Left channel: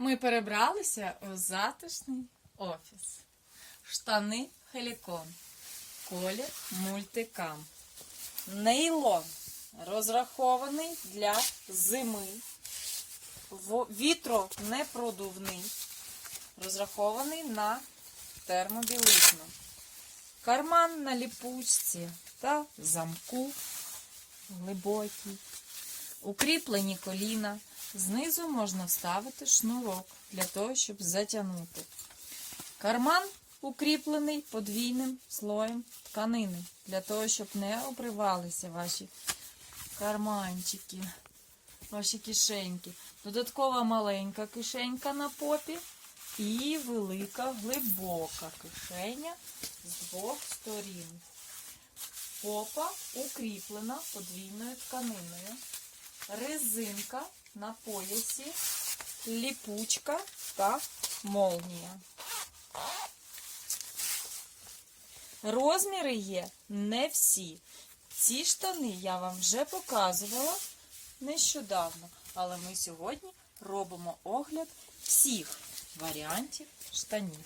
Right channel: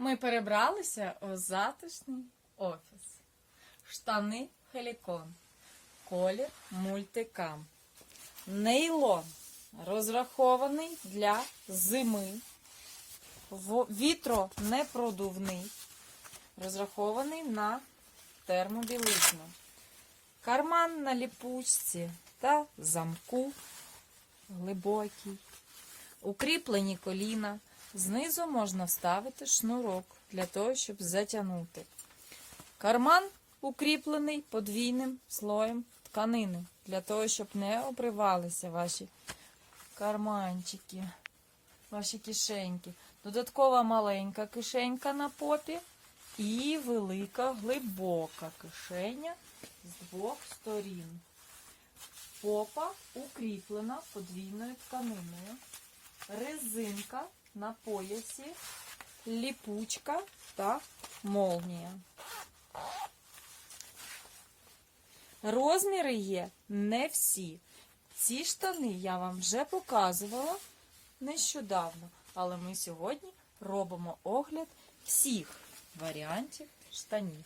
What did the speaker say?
Ми перебралися в затишний офіс. Штани Хелікон. Колір мультикам. Нейлон розрахований для зими. В- Вітронепродувний. Розрахований на термобілизну. Карман на ліпучці та замку глибокий. Укріплені коліна. Знизу можна вставити шнурок для того, щоб затягнути. Карман укріплений подвійним слоєм тканини, для того, щоб не обривалися ваші карманчики, ваші кишеньки. Додаткова маленька кишенька на попі і велика глибока кишеня з двох сторін. Попа укріплена подвійною тканиною резинка на поясі, ліпучка та молнія. Розміри є не всі. Ці штани я вам вже показувала нещодавно, але ми сьогодні робимо огляд всіх варіантів штанів.